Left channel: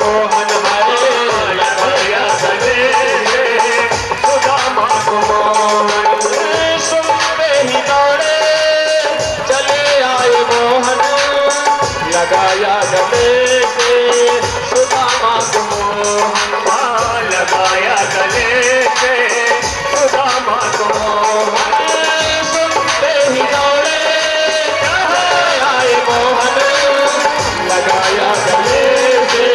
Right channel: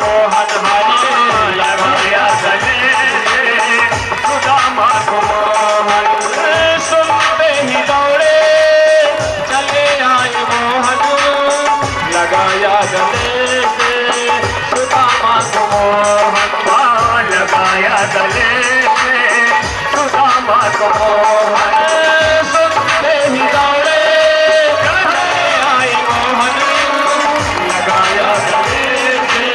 मोहन हरे लगाया गले से सुदामा को मोहन। सुनते ही दौड़े चले आए मोहन लगाया गले से सुदामा को मोहन। लगाया गले से सुदामा को मोहन। सुनते ही दौड़े चले आए मोहन लगाया गले से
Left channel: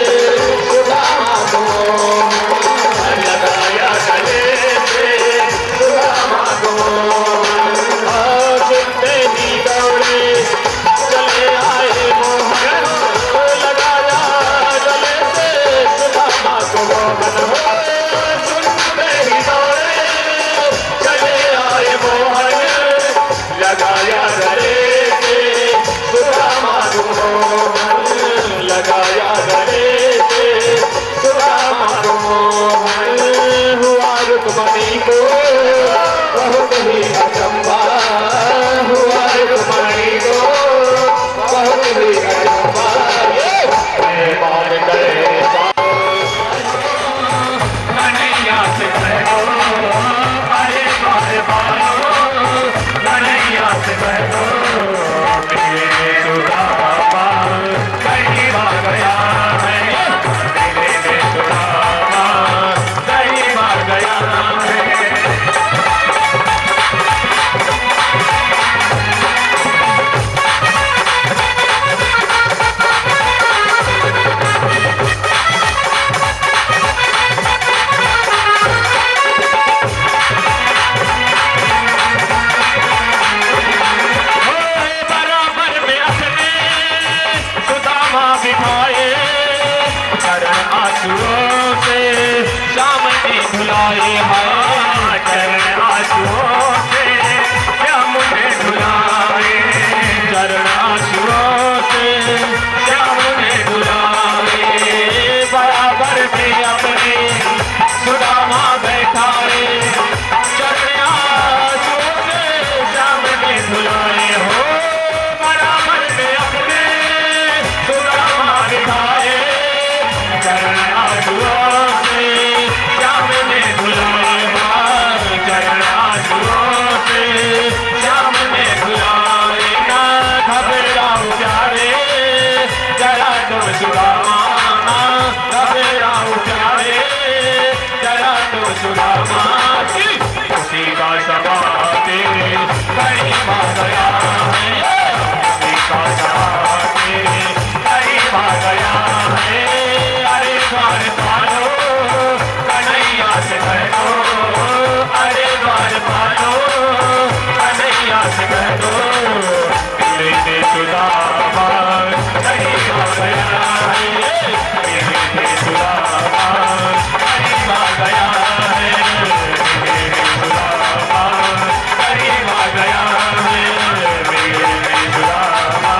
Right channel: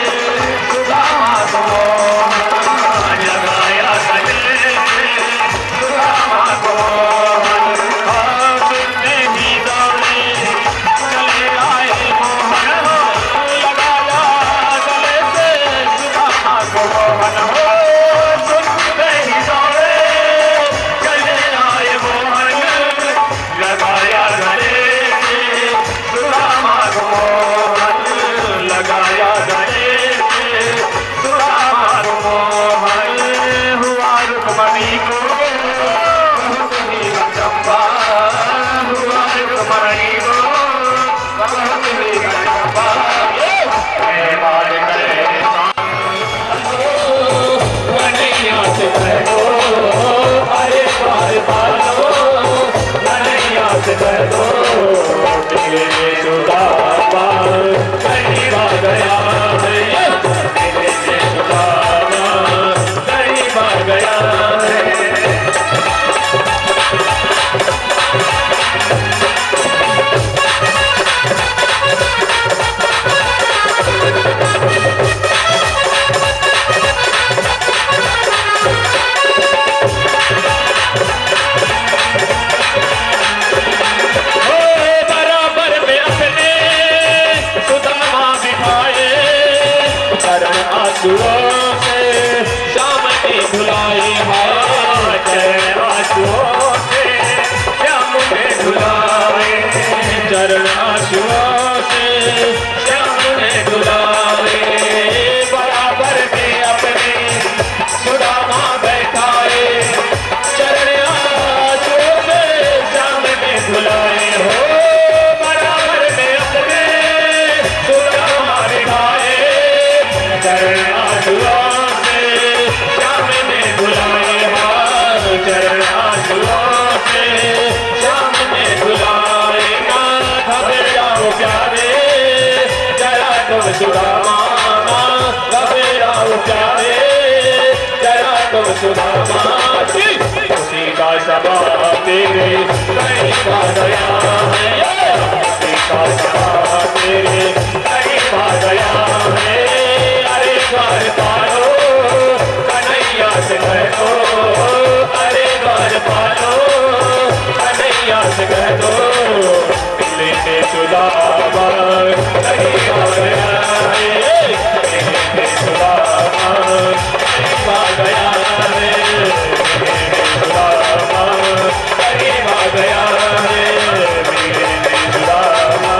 सुदामा को मोहन। लगाया गले से सुदामा को मोहन। सुनते ही दौड़े चले आए मोहन लगाया गले से सुदामा को मोहन। सुनते ही दौड़े चले आए मोहन लगाया गले से सुदामा को मोहन। लगाया गले से सुदामा को मोहन। हुआ रुक्मणी को बहुत ही अचंभा। हुआ रुक्मणी को बहुत ही अचंभा। बार करे कन्हैया से कहो अरे बार बारो कन्हैया से कहो मेरे सुदामा कहीं भाग गया है। मेरे सुदामा कहीं भाग गया है। बराबर में अपने सुदामा बिठाए चरण आंसुओं से श्याम ने धुलाए हैं। चरण आंसुओं से श्याम ने धुलाए। चरण आंसुओं से श्याम ने धुलाए। बराबर में अपने सुदामा बैठाए चरण आंसुओं से श्याम ने धुलाए हो। बराबर में अपने सुदामा बिठाए चरण आंसुओं से श्याम ने धुलाए हैं। चरण आंसुओं से श्याम ने धुलाए। ना घबराओ प्यारे जरा तुम सुदामा। ना घबराओ प्यारे जरा तुम सुदामा। उसी का सभा तेरे कहीं पा गया है। उसी का सभा तेरे कहीं पा गया है। अरे बार पालो कन्हैया से कहो अरे बार पालो कन्हैया से कहो मेरे सुदामा कहीं पा गया है। मेरे सुदामा कहीं पा गया है। मेरे सुदामा कहीं पा गया है। मेरे सुदामा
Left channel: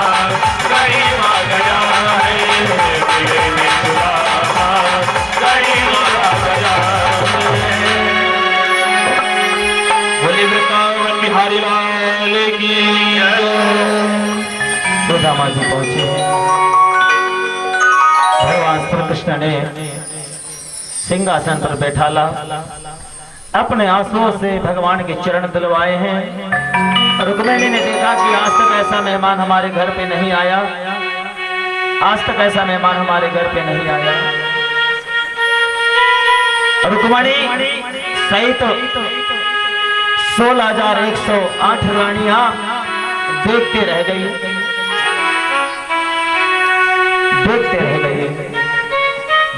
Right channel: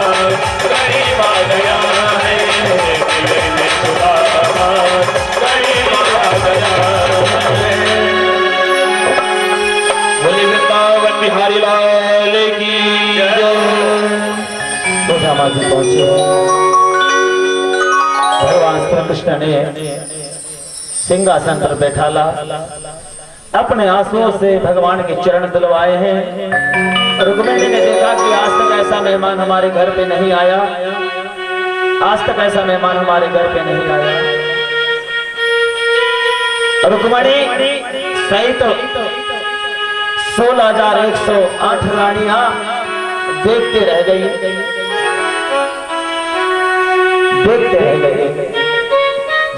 कहीं पा गया है। मेरे सुदामा कहीं पा गया है। बोले वृंदावन बिहारी लाल की जय। सुदामा जी पहुंचे। भगवान श्री कृष्ण ने सिंहासन पर बैठाला अपने आंसुओं से भगवान के चरण दिलवाए हैं। रुक्मिणी ने देखा कि आज तक ऐसा मेहमान हमारे घर पे नहीं आया। आज तक ऐसा मेहमान हमारे घर पे नहीं आया। रुक्मिणी सहित 16,108 रानियां देखते रह गई। देखते रह गए।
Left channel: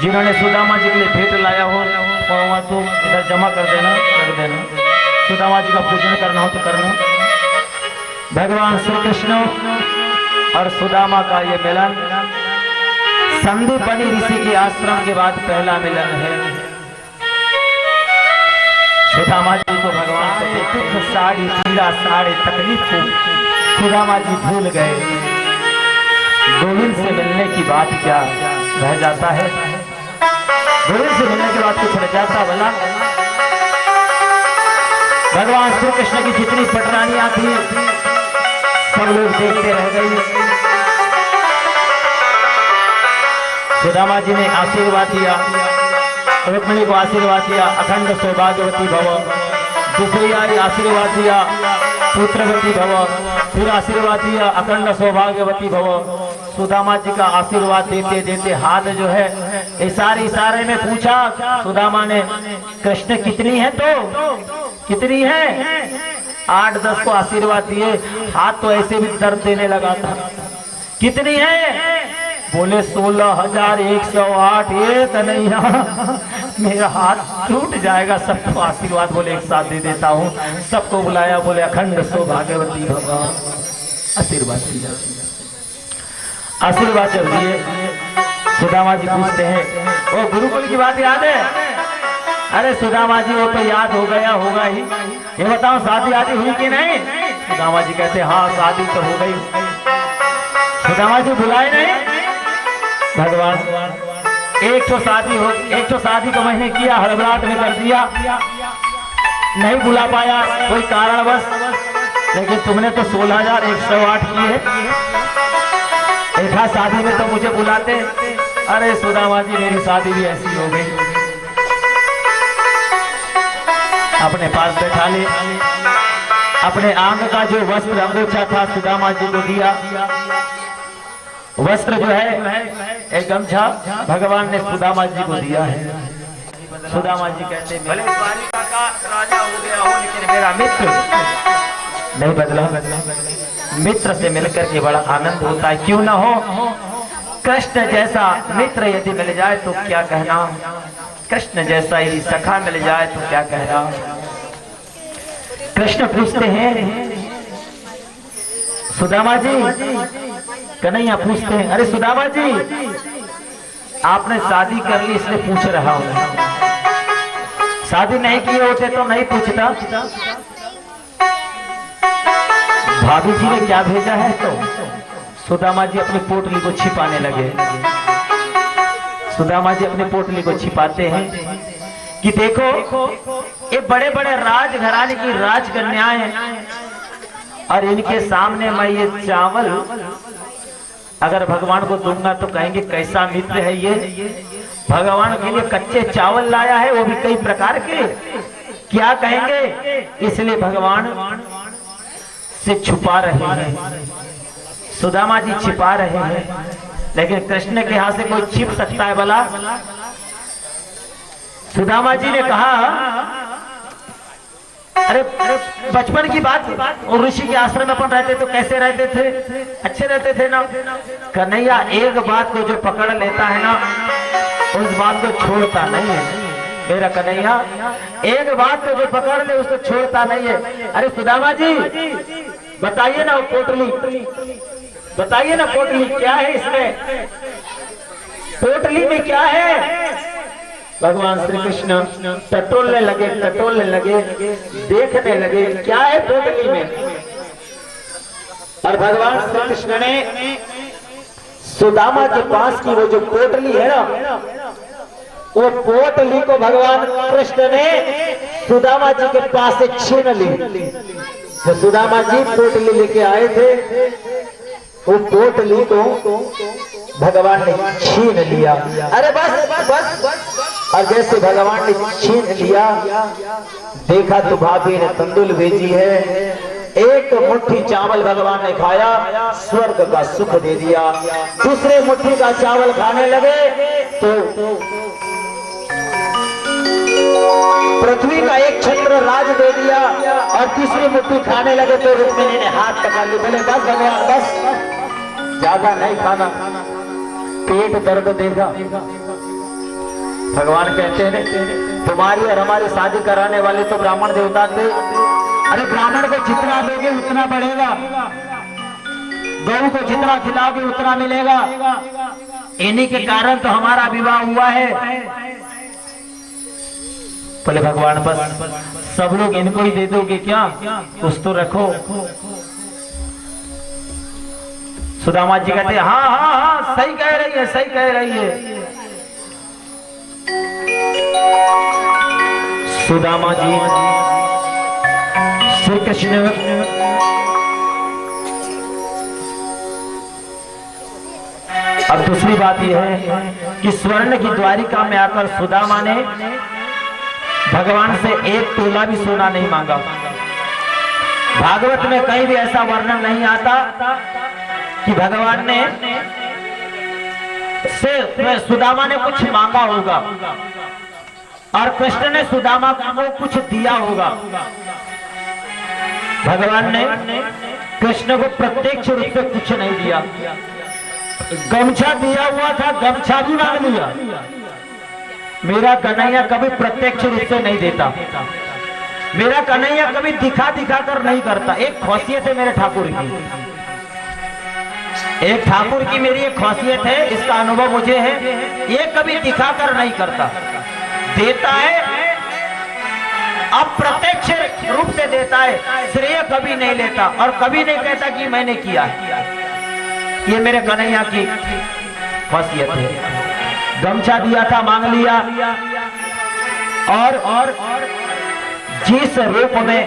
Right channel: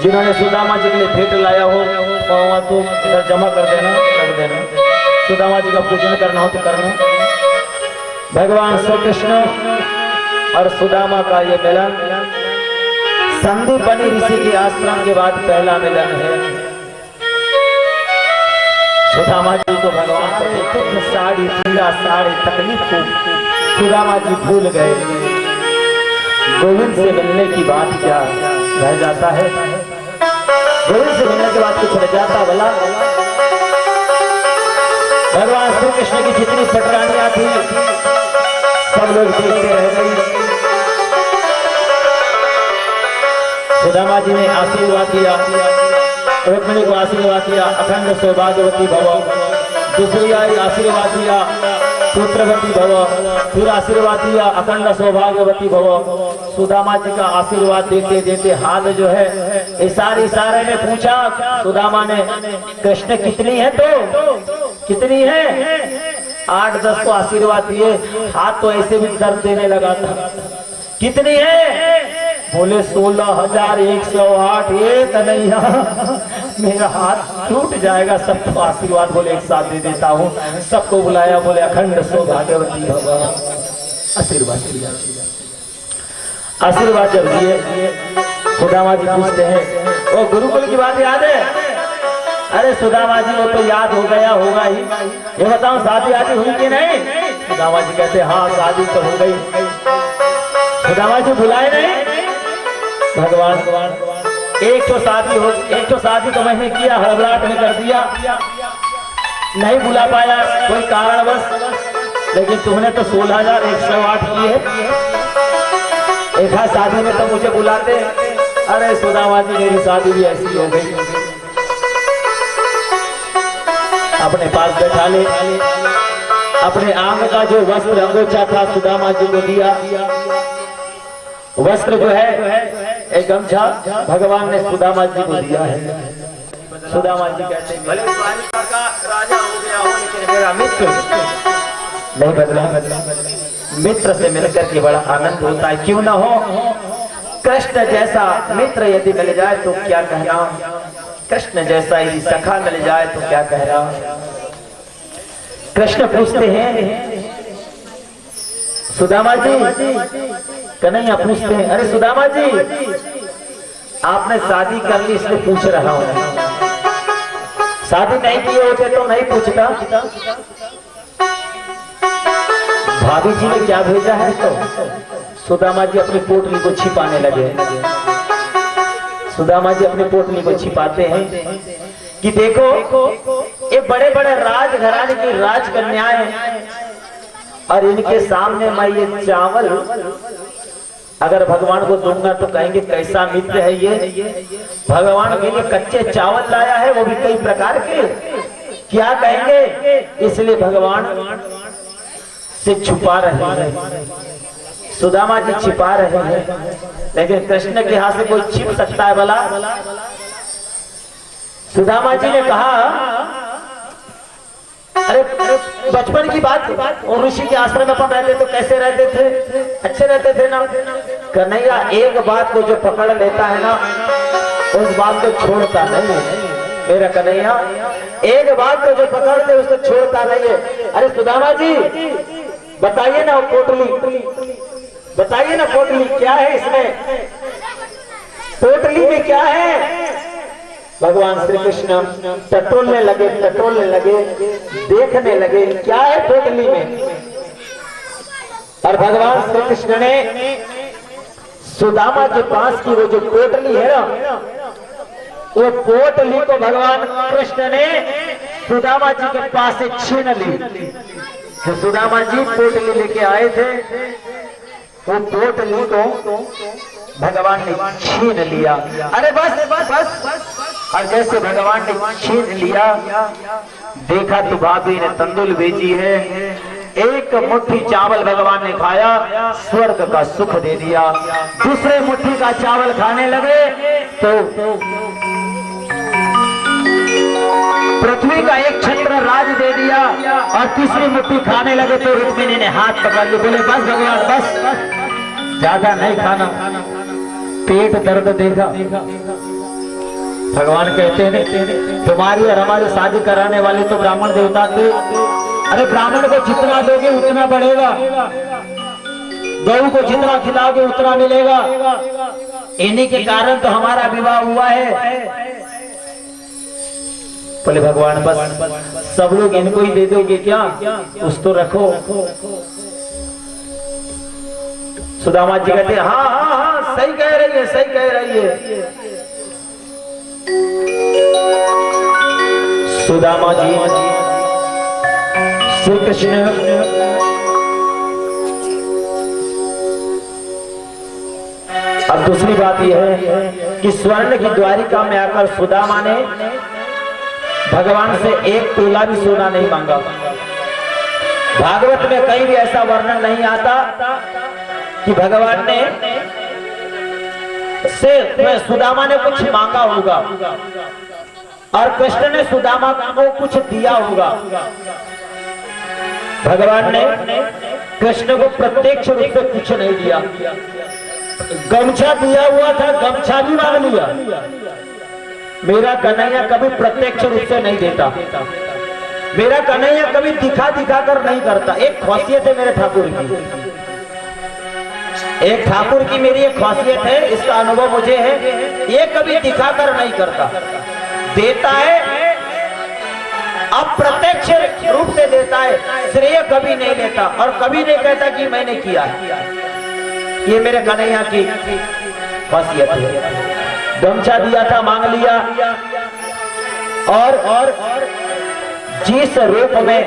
जिन्होंने सुदामा जी के लिए भेंट लाया हो तो इधर जमा कर देना सुदामा जी का पूजन करना हो तो करना। भगवान श्री कृष्ण और सुदामा का ये मिलन संदीपनी ऋषि के आश्रम के बाद पहला मिलन है। सुदामा जी को भगवान को सारी पीड़ा सारी तकलीफ को सुदामा जी भूल गए। गोविंद से मिलने की बात क्या रह जाता है। गोविंद से मिलने के बाद कुछ रह जाता भला। भगवान श्री कृष्ण की जितनी पटरानियां थी सब लोग देखते रह गए। सुदामा जी ने आशीर्वाद दिया, रुक्मिणी को आशीर्वाद दिया अखंड सौभाग्यवती भव। दूसरी आई आशीर्वाद दिया पुत्रवती भव, फिर आशीर्वाद दिया अखंड सौभाग्यवती भव। सुदामा जी का आशीर्वाद देते देते हाथ जो है इशारे में पूछा सुदामा ने, कृष्ण कितनी है तो कितनी है? 8-10 को आशीर्वाद दिए, हाथ तो ऐसे भी दर्द देने लगा था। कितनी है? बोले 16,108। ये कन्हैया मेरा हाथ टूट जाएगा, सबको आशीर्वाद बोले एक साथ दे देता हूँ। सबको बुलाया, बोले अखंड सौभाग्यवती भव। आशीर्वाद दिया, आशीर्वाद जब दिए सुदामा जी पूछते हैं, वो गुरुकुल की बात याद है? अरे सुदामा जी वो तो याद हो गया होगा ही, ये बताओ शादी आदि हुई कि नहीं? सुदामा जी कहते हाँ शादी तो हो गई। सुदामा जी बुलाए नहीं? भगवान एक तो शादी तो मैंने किया, हड़बड़ाहट में कर दिया, नहीं बुला पाया कोई कारणवश, लेकिन तुमने तो 16,108 की है। एक शादी में तो मुझे बुलाते। अरे सुदामा जी मेरी शादी भी ऐसी हो गई। अपने पास बैठा ले, अपने आंग का जो वस्त्र अंगोछा था सुदामा जी को दिया। वस्त्र जो है एक गमछा भगवान ने सुदामा जी को दिया है। सुदामा जी कहते हैं भले द्वारिका का राजा हो गया हो, लेकिन मेरा मित्र नहीं बदला। मित्र से मिलकर के बड़ा आनंद होता है, क्यों ना हो। कृष्ण जैसा मित्र यदि मिल जाए तो क्या कहना, कृष्ण जैसा यदि सखा मिल जाए तो क्या कहना। कृष्ण पूछते हैं सुदामा जी, कन्हैया पूछते हैं अरे सुदामा जी आपने शादी कर ली इसलिए पूछ रहा हूं, शादी नहीं किए होते तो नहीं पूछता। भाभी जी ने क्या भेजा है? तो सुदामा जी अपनी पोटली को छिपाने लगे। सुदामा जी अपनी पोटली को छिपाते हैं कि देखो ये बड़े बड़े राजघराने की राजकन्याएं हैं और इनके सामने मैं ये चावल अगर भगवान को दूंगा तो कहेंगे कैसा मित्र है ये, भगवान के लिए कच्चे चावल लाया है वो भी कई प्रकार के, क्या कहेंगे। इसलिए भगवान से छुपा रहे हैं, सुदामा जी छिपा रहे हैं। लेकिन कृष्ण के हाथ से कोई छिप सकता है भला? सुदामा जी ने कहा अरे बचपन की बात और ऋषि के आश्रम में अपन रहते तो कैसे रहते थे? अच्छे रहते थे ना। कन्हैया एक बात को जो पकड़ लेता है ना उस बात को छोड़ता नहीं है। मेरा कन्हैया एक बात को जो पकड़ ले उसको छोड़ता नहीं है। अरे सुदामा जी बताइए ना, पोटली बताइए ना, पोटली क्या है इसमें? पोटली में क्या है? भगवान श्री कृष्ण टटोलने लगे, देखने लगे क्या है पोटली में। और भगवान श्री कृष्ण ने सुदामा के पास की वो जो पोटली है ना, वो पोटली को भगवान कृष्ण ने सुदामा जी के पास से छीन ली। जो सुदामा जी पोटली लेके आए थे वो पोटली को भगवान ने छीन लिया। अरे बस और जैसे भगवान ने छीन लिया, देखा तो भाभी ने तंदुल भेजी है। एक मुट्ठी चावल भगवान ने खाया, स्वर्ग का सुख दे दिया। दूसरे मुट्ठी का चावल खाने लगे तो पृथ्वी का एक छत्र राज दे दिया। और तीसरी मुट्ठी खाने लगे तो रुक्मिणी ने हाथ पकड़ के बोले बस भगवान बस, ज्यादा नहीं खाना, पेट दर्द देगा। भगवान कहते हैं तुम्हारी और हमारी शादी कराने वाले तो ब्राह्मण देवता थे। अरे ब्राह्मण को जितना दोगे उतना बढ़ेगा, गऊ को जितना खिलाओगे उतना मिलेगा। इन्हीं के कारण तो हमारा विवाह हुआ है। बोले भगवान बस सब लोग इनको ही दे दोगे क्या? कुछ तो रखो। सुदामा जी कहते हैं हाँ हाँ हाँ सही कह रही है, सही कह रही है। सुदामा जी श्री कृष्ण अब दूसरी बात यह है कि स्वर्ण की द्वारिका में आकर सुदामा ने भगवान से एक तोला भी सोना नहीं मांगा। भागवत में कहीं भी ऐसा वर्णन नहीं आता कि भगवान ने से सुदामा ने कुछ मांगा होगा और कृष्ण ने सुदामा को कुछ दिया होगा। भगवान ने कृष्ण को प्रत्यक्ष रूप से कुछ नहीं दिया। गमछा दिया हुआ था, गमछा भी मांग लिया। मेरा कन्हैया कभी प्रत्यक्ष रूप से नहीं देता। मेरा कन्हैया कभी दिखा दिखा कर नहीं करता। एक खासियत है मेरे ठाकुर की, एक ठाकुर की मेरी एक खासियत है, इसका अनुभव मुझे है। ये कभी दिखाकर नहीं करता, देता है अप्रत्यक्ष रूप से देता है। श्रेय कभी नहीं लेता और कभी नहीं कहता कि मैंने किया। ये मेरे कन्हैया की खासियत है। गमछा दिया था, मांग लिया। और जिस रूप में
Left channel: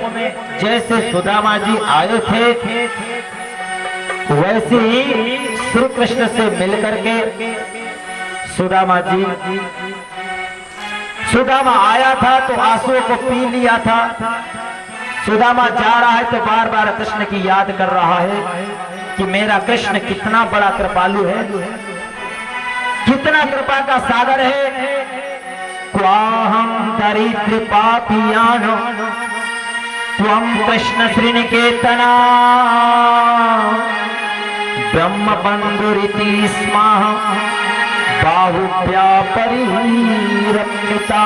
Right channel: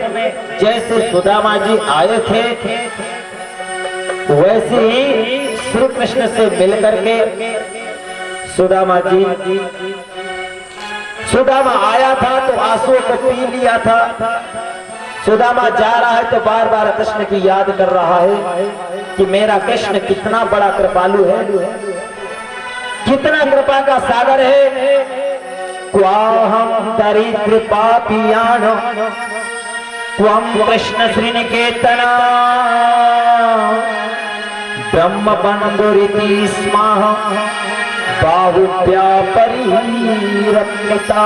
जैसे सुदामा जी आए थे वैसे ही श्री कृष्ण से मिलकर के सुदामा आया था तो आंसू को पी लिया था। सुदामा जा रहा है तो बार बार कृष्ण की याद कर रहा है कि मेरा कृष्ण कितना बड़ा कृपालु है, कितना कृपा का सागर है। क्वाहं दरिद्र पापियान त्वं कृष्ण श्रीनिकेतना ब्रह्म बंधुरिति स्मः बाहुभ्या परिरक्षिता।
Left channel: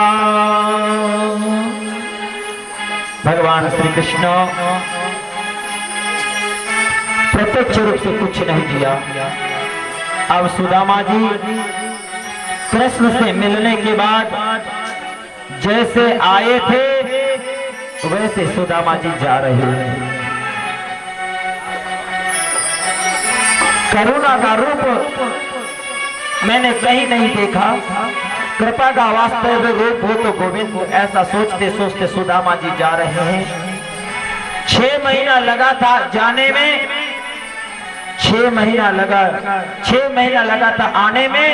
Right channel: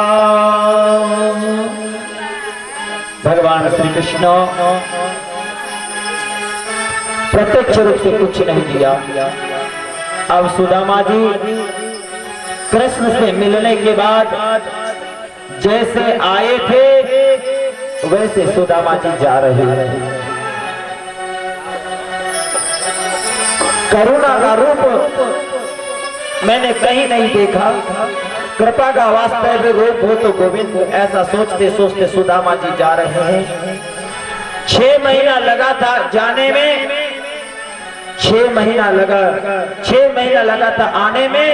भगवान श्री कृष्ण प्रत्यक्ष रूप से कुछ नहीं दिया। अब सुदामा जी कृष्ण से मिलने के बाद जैसे आए थे वैसे सुदामा जी जा रहे हैं। करुणा का रूप मैंने कहीं नहीं देखा। कृपा का वास्तविक रूप हो तो गोविंद को, ऐसा सोचते सोचते सुदामा जी जा रहे हैं। 6 महीना लगा था जाने में, 6 महीना लगा था आने में।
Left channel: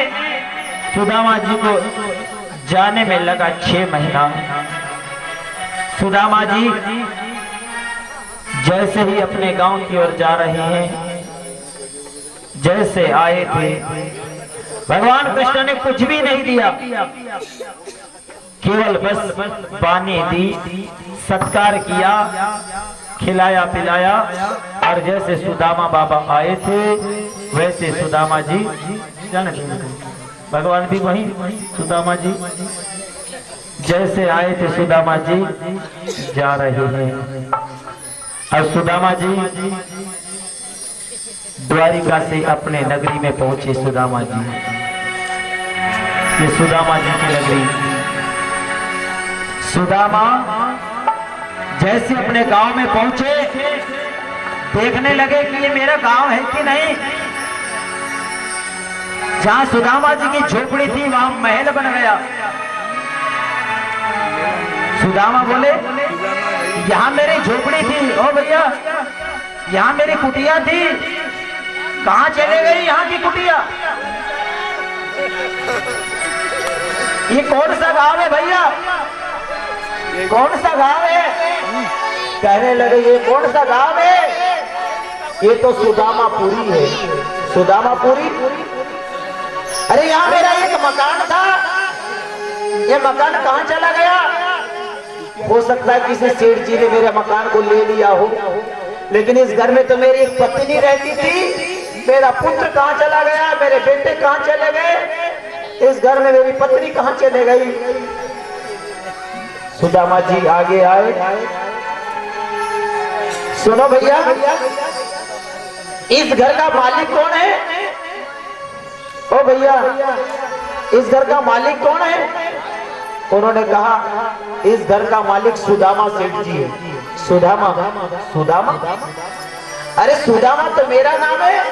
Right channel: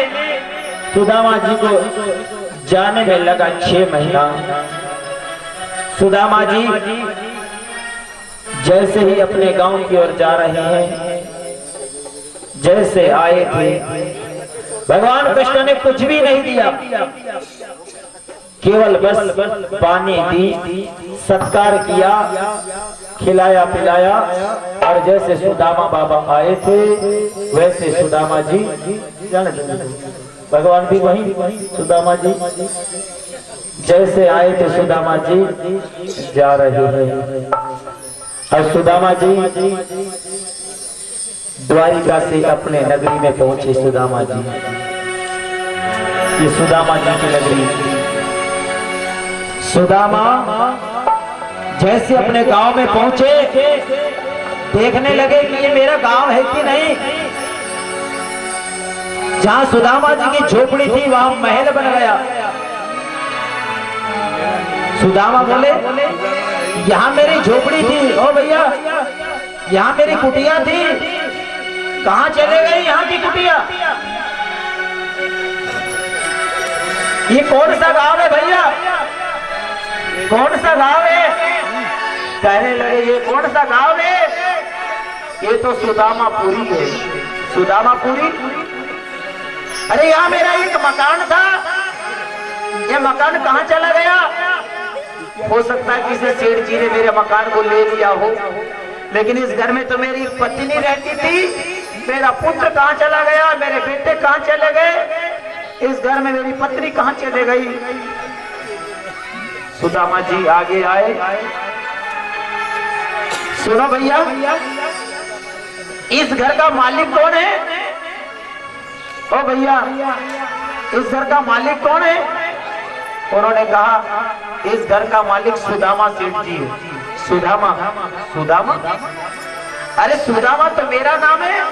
सुदामा जी को जाने में लगा 6 महीना। सुदामा जी जैसे ही अपने गांव की ओर जा रहे हैं, जैसे आए थे भगवान कृष्ण ने कुछ भी नहीं दिया, केवल बस पानी दी, सत्कार किया, खिलाया पिलाया। और जैसे सुदामा बाबा आए थे वैसे सुदामा जी भगवान भी वही सुदामा जी जैसे आए थे सुदामा जी जा रहे हैं। और सुदामा जी द्वारिका से अपने नगरी में पहुंचे। सुदामा जी, ये सुदामा जी की नगरी। सुदामा जैसे अपने गांव में पहुंचे, देखने लगे कि ये मेरा गांव है कि नहीं। जहां सुदामा जी की झोपड़ी थी वहां महल बन गया। सुदामा बोले यहाँ मेरी झोपड़ी थी, ओ भैया यहाँ मेरी कुटिया थी, कहाँ चले गई यहाँ की कुटिया। ये कौन सा गांव है भैया, कौन सा गांव है। कहने लगे ये कौन सा गांव है, ये तो सुदामापुरी है। सुदामापुरी, अरे यहाँ मेरा एक मकान था, ये मकान कहाँ चला गया। हो सकता है किसी सेठ जी ने मेरे मकान को ले लिया हो, लेकिन इस घर में तो मेरी एक पत्नी रहती थी। मेरा पुत्र कहाँ चला गया, मेरे बेटे कहाँ चले गए, इस घर में मेरी पत्नी कहाँ चले गई। सुदामा जी आगे आए। सुनो भैया, इस घर का मालिक कौन है। ओ भैया इस घर का मालिक कौन है। उन्होंने कहा इस घर का मालिक सुदामा सेठ जी है। सुदामा, सुदामा, अरे सुदामा तो मेरा नाम है।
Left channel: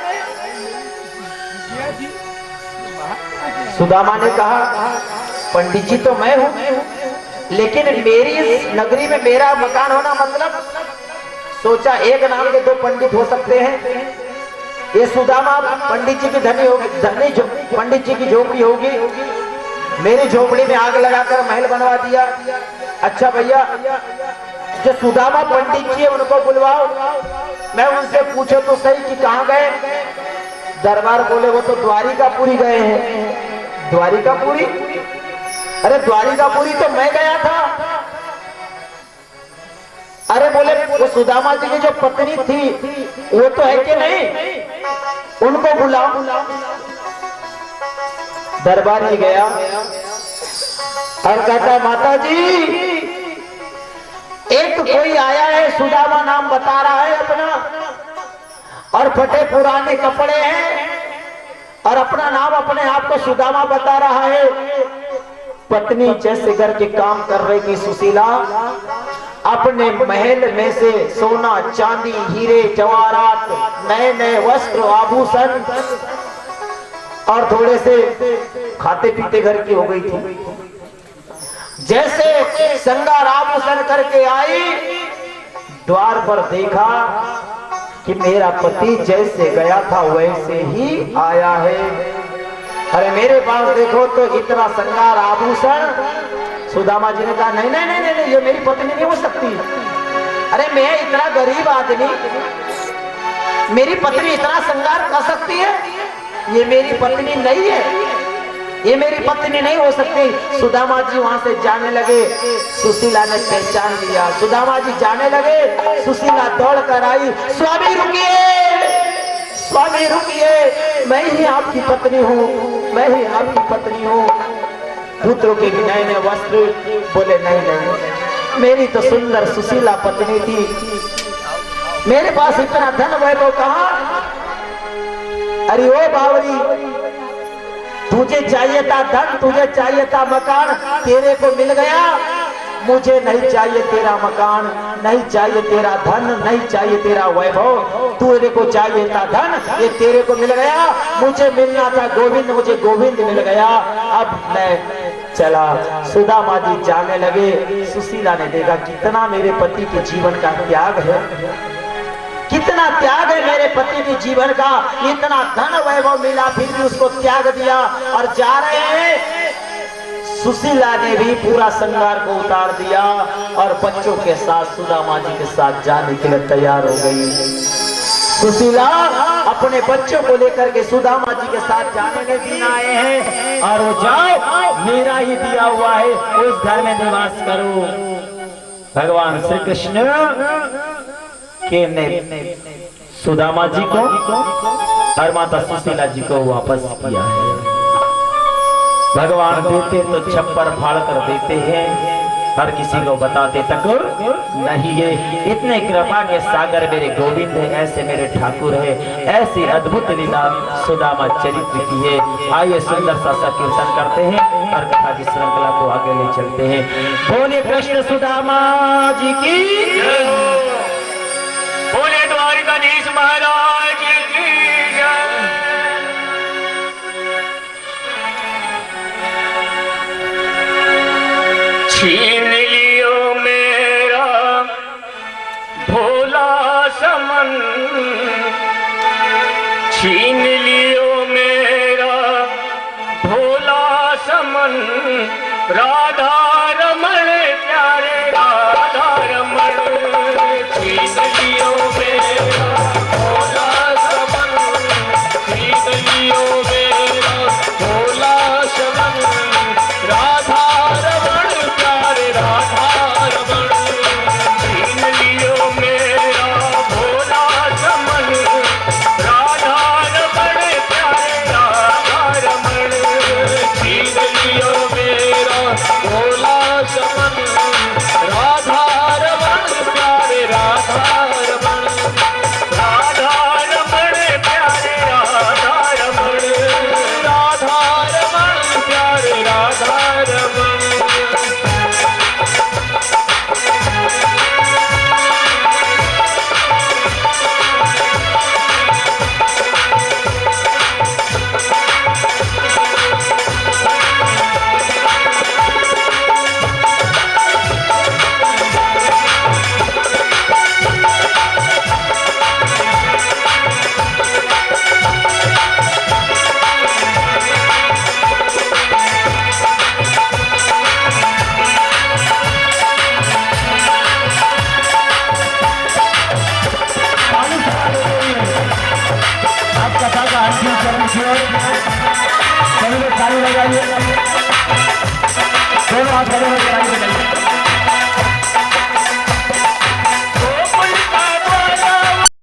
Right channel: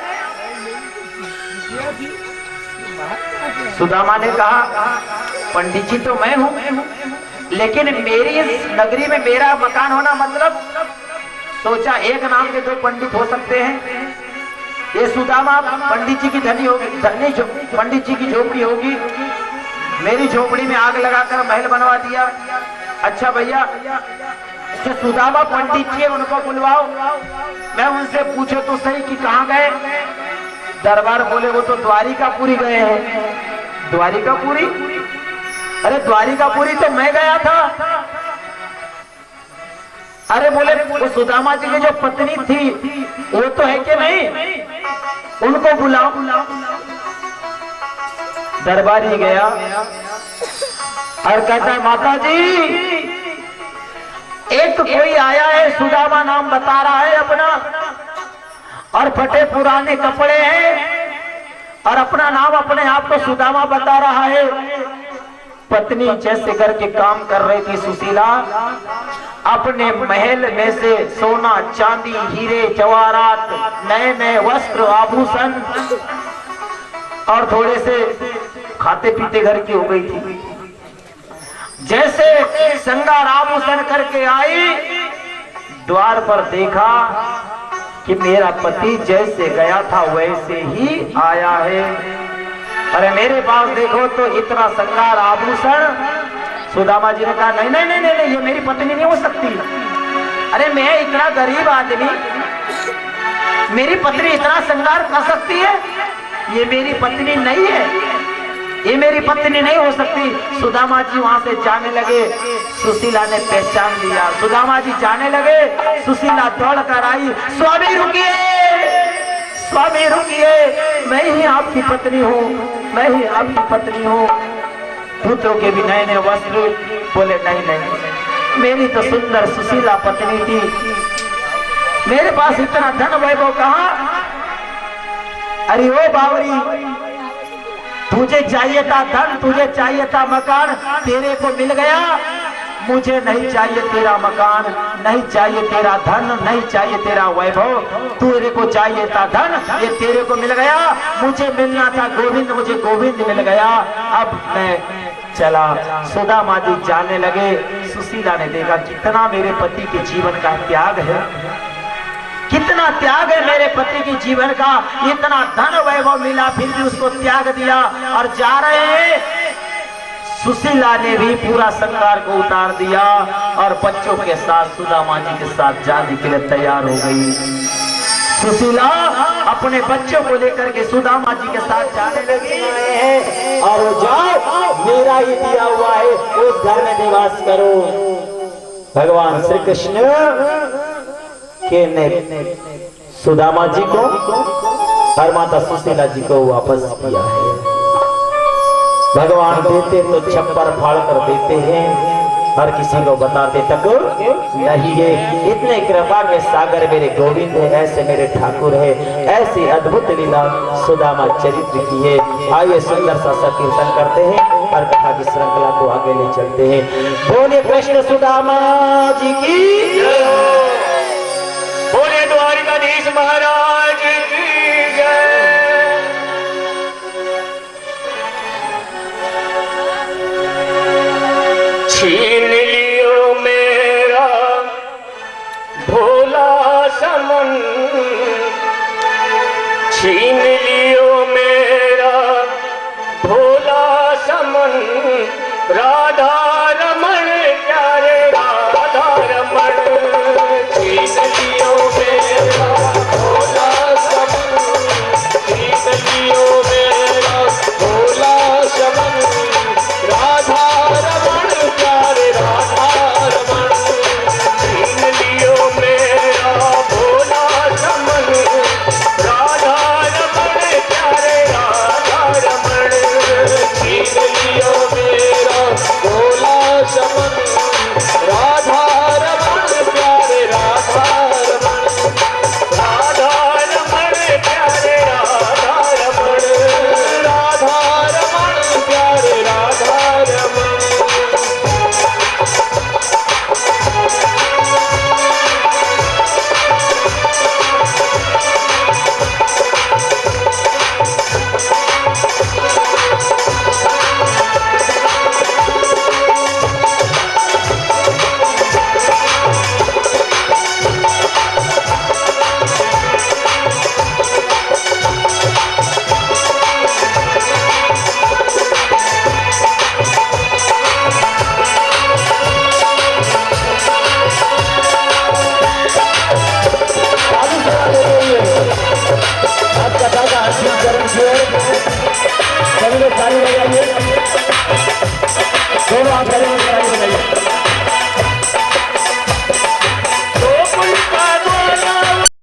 सुदामा ने कहा पंडित जी तो मैं हूं, लेकिन मेरी इस नगरी में मेरा मकान होना मतलब, सोचा एक नाम के 2 पंडित हो सकते हैं। ये सुदामा पंडित जी की धनी होगी, पंडित जी की झोपड़ी होगी। मेरी झोपड़ी में आग लगाकर महल बनवा दिया। अच्छा भैया, जो सुदामा पंडित जी है उनको बुलवाओ, मैं उनसे पूछे तो सही कि कहाँ गए। दरबार बोले वो तो द्वारिकापुरी गए हैं। द्वारिकापुरी? अरे द्वारिकापुरी तो मैं गया था। अरे बोले वो सुदामा जी की जो पत्नी थी वो तो है कि नहीं, उनको बुलाओ। दरबारी गया और कहता है माता जी, एक कोई आया है, सुदामा नाम बता रहा है अपना, और फटे पुराने कपड़े हैं और अपना नाम अपने आप को सुदामा बता रहा है। पत्नी जैसे घर के काम कर रही थी सुशीला, अपने महल में से सोना चांदी हीरे जवाहरात नए नए वस्त्र आभूषण और थोड़े से खाते पीते घर की हो गई थी। जैसे श्रृंगार आभूषण करके आई, द्वार पर देखा कि मेरा पति जैसे गया था वैसे ही आया है। अरे मेरे पास देखो तो इतना श्रृंगार आभूषण। सुदामा जी ने कहा नहीं नहीं नहीं नहीं, ये मेरी पत्नी नहीं हो सकती। अरे मैं इतना गरीब आदमी, मेरी पत्नी इतना श्रृंगार कर सकती है? ये मेरी पत्नी नहीं है, ये मेरी पत्नी नहीं हो सकती। सुदामा जी वहां से जाने लगे, सुशीला ने पहचान लिया। सुदामा जी जाने लगे, सुशीला दौड़ कर आई, स्वामी रुकिए, स्वामी रुकिए, मैं ही आपकी पत्नी हूँ, मैं ही आपकी पत्नी हूँ। पुत्रों के भी नए नए वस्त्र। बोले नहीं नहीं, मेरी तो सुंदर सुशीला पत्नी थी, मेरे पास इतना धन वैभव कहाँ। अरे ओ बावरी, तुझे चाहिए था धन, तुझे चाहिए था मकान, तेरे को मिल गया। मुझे नहीं चाहिए तेरा मकान, नहीं चाहिए तेरा धन, नहीं चाहिए तेरा वैभव, तेरे को चाहिए था धन, ये तेरे को मिल गया। मुझे मिलना था गोविंद, मुझे गोविंद मिल गया। अब मैं चला। सुदामा जी जाने लगे। सुशीला ने देखा कितना मेरे पति के जीवन का त्याग है, कितना त्याग है मेरे पति के जीवन का। इतना धन वैभव मिला फिर भी उसको त्याग दिया और जा रहे हैं। सुशीला ने भी पूरा श्रृंगार को उतार दिया और बच्चों के साथ सुदामा जी के साथ जाने के लिए तैयार हो गई। सुशीला अपने बच्चों को लेकर के सुदामा जी के साथ जाने के दिन आए हैं और वो जाओ, मेरा ही दिया हुआ है, उस घर में निवास करो। भगवान श्री कृष्ण के ने सुदामा जी को और माता सुशीला जी को वापस किया है। भगवान देते तो छप्पर फाड़ कर देते हैं, हर किसी को बताते तक नहीं है। इतने कृपा के सागर मेरे गोविंद है, ऐसे मेरे ठाकुर है, ऐसी अद्भुत लीला सुदामा चरित्र की है। आइए सुंदर सा कीर्तन करते हैं और कथा की श्रृंखला को आगे ले चलते हैं। बोले कृष्ण सुदामा जी की जय हो, बोले द्वारिकाधीश महाराज की जय। छीन लियो मेरा भोला समन, छीन लियो मेरा भोला समन, राधा रमण प्यारे राधा रमण। छीन लियो मेरा भोला समन, छीन लियो मेरा भोला समन, राधा रमण प्यारे राधा रमण। छीन लियो मेरा भोला समन, राधा रमण प्यारे राधा रमण। छीन लियो मेरा भोला समन, सेवा करें